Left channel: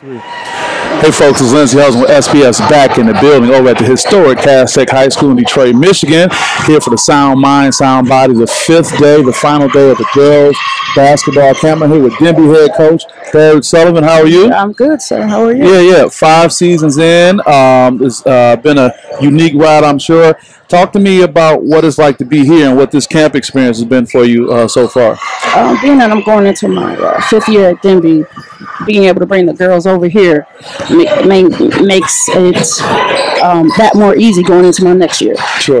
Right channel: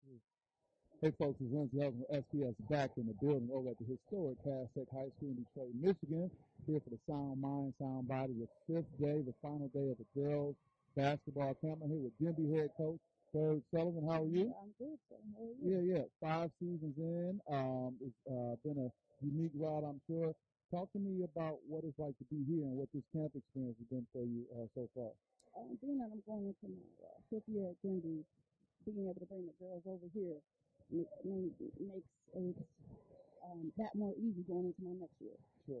Hey folks, it's Lindsey Hudson with SPS back in the building over at the historic Cass Tech High School in Detroit, Michigan. Here for the Sound Mind, Sound Body, the fifth day, the final day of the girls basketball camp. I'm here with Denby head coach Sullivan. How are you? I'm good, sir. How are you? Yeah. 5 seasons in. It's been a unique ride, I'm sure. Talk to me about what it's like to be here and what this camp experience has been for you so far. Being that I'm going into my 5th year at Denby, being able to bring the girls over here makes it that more easy going into my next year. Sure.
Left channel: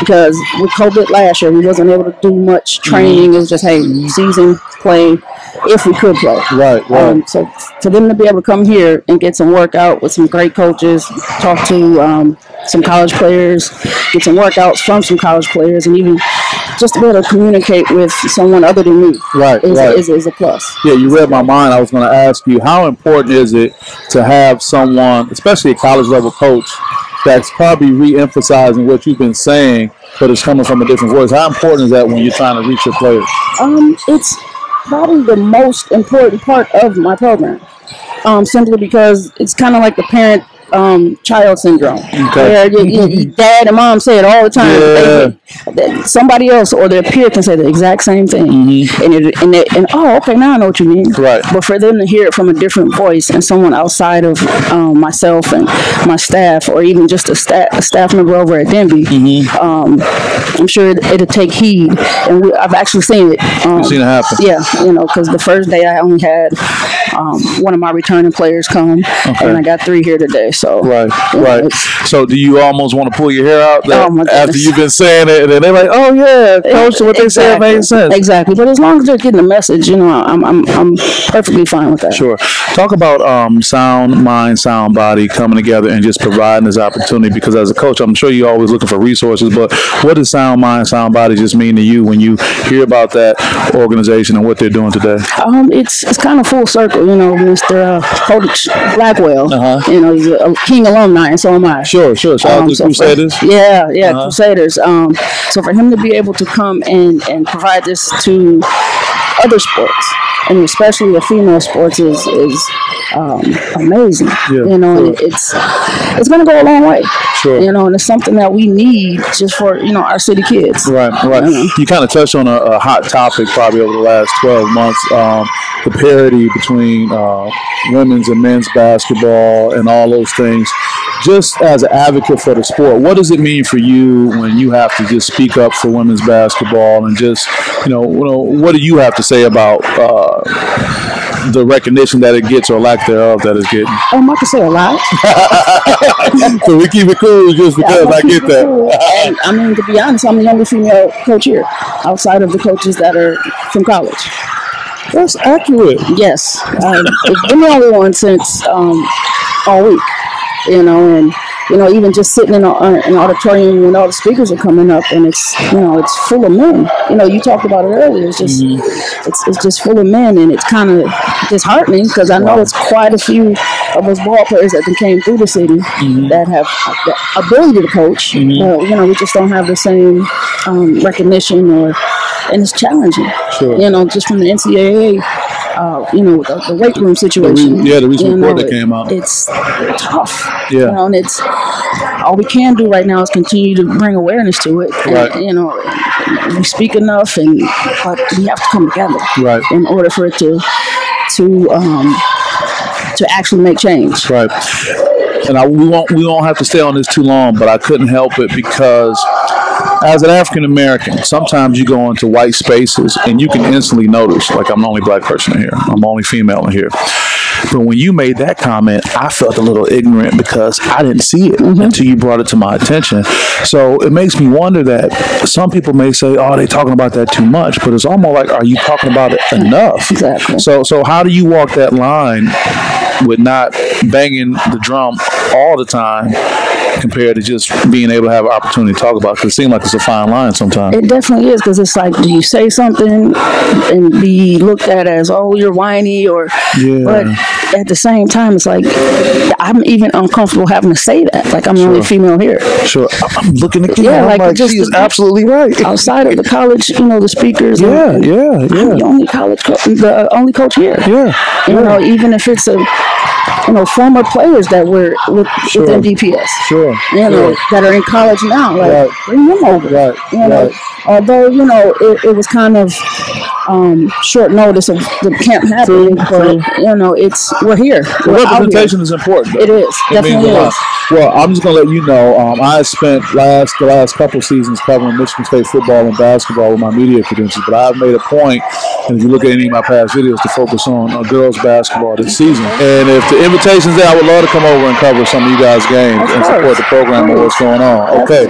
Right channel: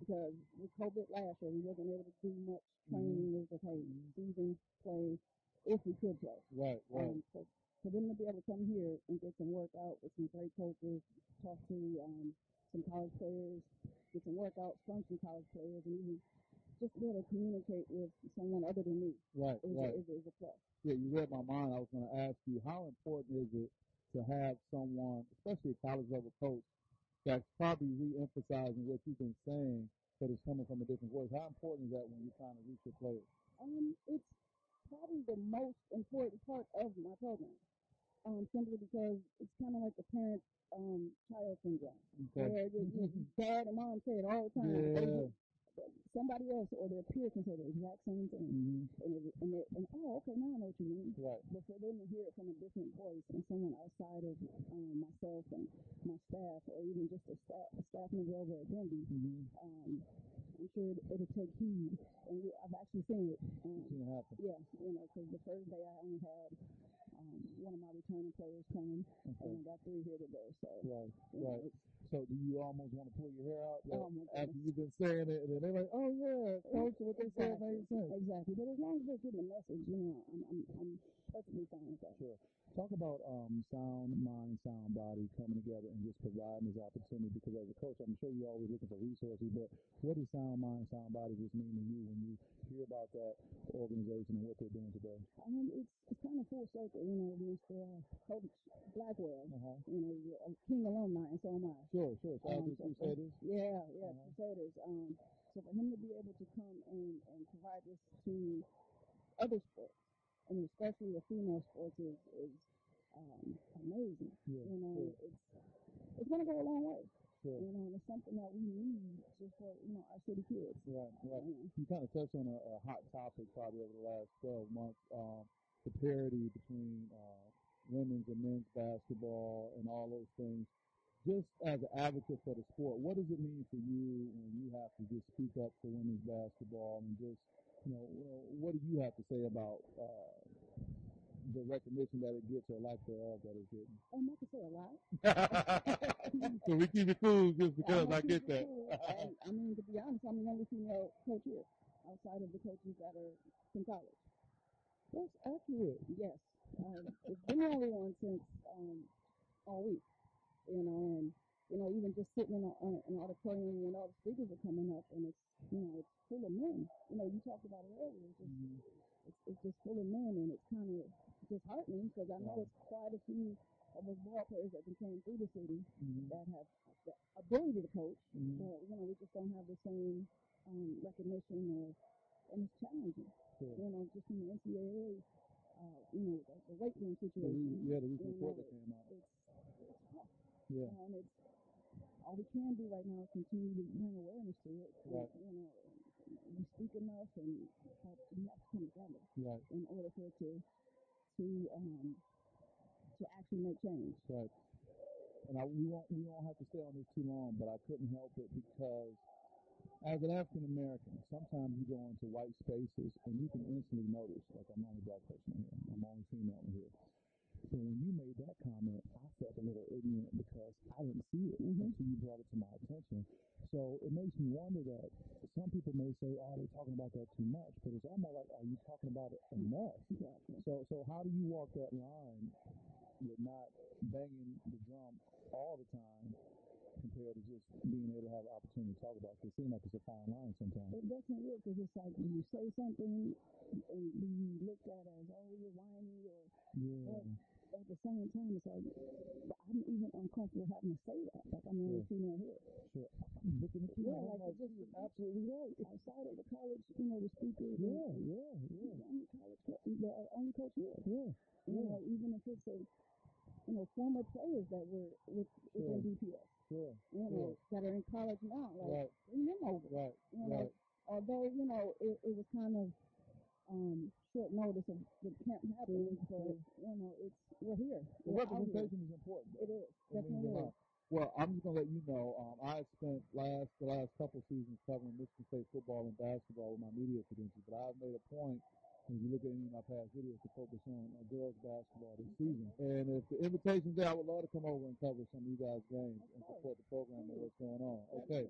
Because with COVID last year, we wasn't able to do much training. It was just, hey, season play if we could play. Right. So for them to be able to come here and get some workout with some great coaches, talk to some college players, get some workouts from some college players, and even just to be able to communicate with someone other than me is a plus. Yeah, you read my mind. I was going to ask you, how important is it to have someone, especially a college-level coach, that's probably re-emphasizing what you've been saying, but it's coming from a different voice? How important is that when you're trying to reach your players? It's probably the most important part of my program, simply because it's kind of like the parent-child syndrome. Okay. Where dad and mom say it all the time. Yeah. Somebody else or their peer can say the exact same thing. Mm-hmm. And oh, okay, now I know what you mean. Right. But for them to hear it from a different voice and someone outside of myself and my staff, or even just a staff member over at Denby, I'm sure it'll take heed. And I've actually seen it. You've seen it happen. Yeah, because the first day I only had one of my returning players come, and I got 3 here today. So right. So do you almost want to pull your hair out after you've been saying it, and then they're like, "Oh yeah, coach, what they said made sense." Exactly. But as long as they're getting the message, I'm perfectly fine with that. Sure. Talk about sound mind, sound body coming together and just providing this opportunity. Because as a coach, I'm sure you're always looking for resources. But what does sound mind, sound body just mean to you when you hear about that organization and what they're doing today? It's kind of full circle. Mr. Coach Blackwell. He's a King alumni, and so am I. Sure. Shout out to Crusaders. Crusaders. So for him to be able to come and provide this to other sports, and especially the female sports, is amazing. It's going to go a long way. Sure. And it's something that we need just for our city kids. Right. You kind of touched on a hot topic probably over the last 12 months. The parity between women's and men's basketball and all those things. Just as an advocate for the sport, what does it mean for you when you have to just speak up for women's basketball, and just, what do you have to say about the recognition that it gets, or lack thereof that it's getting? I can say a lot. So we keep it cool just because I get that. Cool. And, to be honest, I'm the only female coach here, outside of the coaches that are from college. That's accurate. Yes. It's been the only one since all week. Even just sitting in an auditorium when all the speakers are coming up, and it's full of men. You talked about it earlier. It's just it's just full of men, and it's kind of disheartening because I know it's quite a few of us ball players that came through the city that have the ability to coach, but we just don't have the same recognition, and it's challenging. Sure. Just from the NCAA. The weight room situation. The recent report that came out. It's tough. Yeah. And it's all we can do right now is continue to bring awareness to it. Right. And, we speak enough, but we have to come together. Right. In order for it to actually make change. Right. And we won't have to stay on this too long, but I couldn't help it because as an African American, sometimes you go into white spaces and you can instantly notice, like, I'm the only black person in here, I'm the only female in here. But when you made that comment, I felt a little ignorant because I didn't see it until you brought it to my attention. So it makes me wonder that some people may say, oh, they're talking about that too much, but it's almost like, are you talking about it enough? Exactly. So how do you walk that line with not banging the drum all the time, compared to just being able to have an opportunity to talk about it? Because it seems like it's a fine line sometimes. It definitely is, because it's like, do you say something and be looked at as, oh, you're whiny, or but at the same time, it's like I'm even uncomfortable having to say that. Like, I'm the only female here. Sure. I'm looking at you. Yeah, I'm like, just she is absolutely right. Outside of the college, the speakers. Yeah. I'm the only the only coach here. Yeah. You know, even if it's former players that were within DPS. Sure. That are in college now. Like, bring them over. Right. Although, it was kind of short notice of the camp happening, but we're here. Representation is important. It is. Definitely is. Well, I'm just going to let you know, I spent the last couple of seasons covering Michigan State football and basketball with my media credentials, but I've made a point, and if you look at any of my past videos, to focus on girls basketball this season. And if the invitation's there, I would love to come over and cover some of you guys' games and support the program and what's going on. Okay.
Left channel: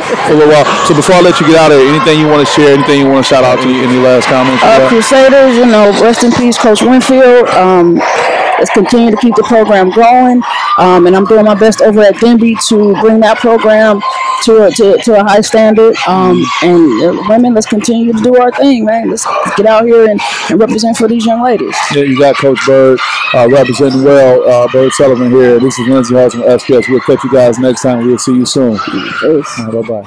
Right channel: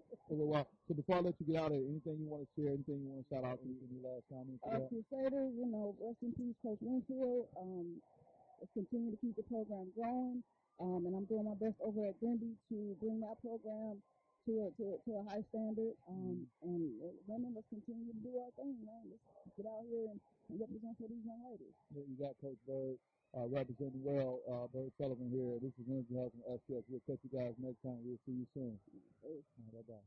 So before I let you get out of here, anything you want to share, anything you want to shout out to, any last comments? Crusaders, rest in peace, Coach Winfield. Let's continue to keep the program going, and I'm doing my best over at Denby to bring that program to a high standard. And women, let's continue to do our thing, man. Let's get out here and represent for these young ladies. Yeah, you got Coach Bird representing well. Bird Sullivan here. This is Lindsey Hudson with SPS. We'll catch you guys next time. We'll see you soon. Bye-bye.